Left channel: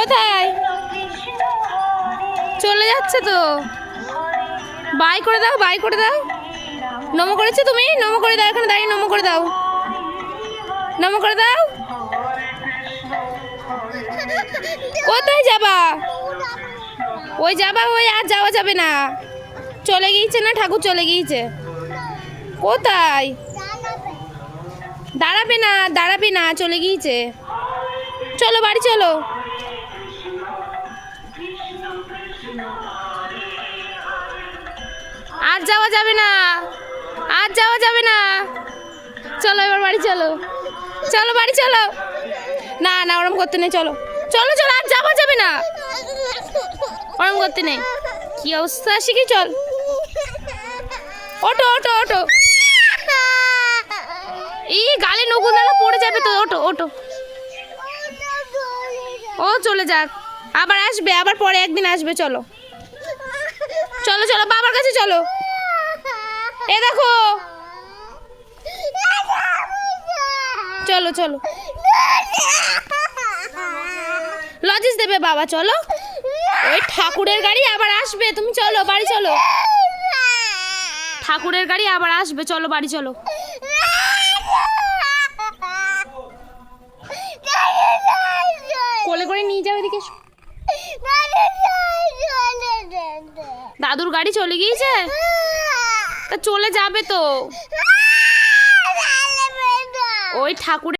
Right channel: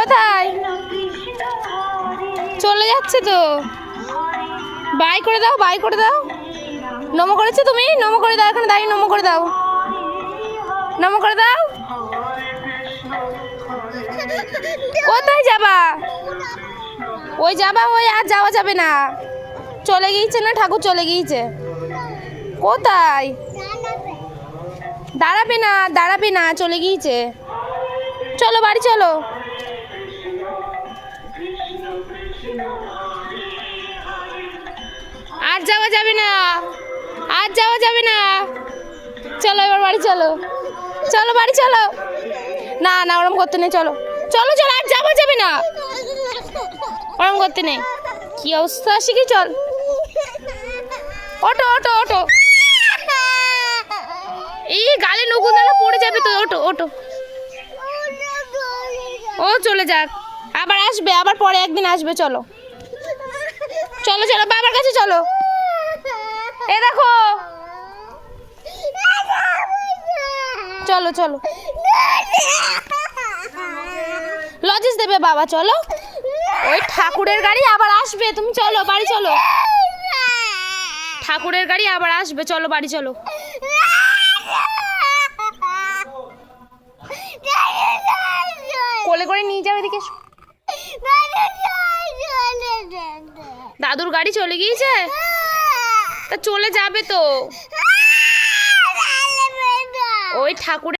কোথায় চলে যাচ্ছে তো? বাই করে দাও, বাই করে দাও। নমো করেছো তুমি? নমো করে দাও, এখানে দাঁড়িয়ে নমো করে দাও, নমো করে দাও। কোথায় যাবা? ওই যাবা, ওই আর যাওয়া যাবে না, চলে গিয়েছে না, ঠাকুর চলে গিয়েছে। কোথায়? দাঁড়াবে না, দাঁড়াবে না, চলে গিয়েছে। চলো বাড়ি চলো। আর যাওয়া যাবে না, আর যাওয়া যাবে না, চলো এবার বাড়ি চলো, চলো বাড়ি চলো। না না, ওরম করতে নেই, চলো চলো চলো, আর যাওয়া যাবে না, ওরম করতে নেই। কি অবস্থা শিখি, চল ওটো ওটো ওটো। এই গালে নকুল দানা পড়ে যাবে তো, ওটো ওটো। ও চলে যাক, আবার আসবে, আবার পরে একদিন আসবে। চলো চলো চলো, বাবার কাছে চলো। এ দেখো, চলো চলো, লজেস দেবে বাবা, চলো। ওই ঠাকুরের গাড়ি আবার আসবে, তুমি চলো বাড়ি চলো। ঠাকুরের গাড়ি আবার আসবে, চলো বাড়ি চলো। কোলে করে নিয়ে যাও এদিকে। দাদুর গাড়ি চলে গিয়েছে, তা চলে যাবে তো। ওই ঠাকুরের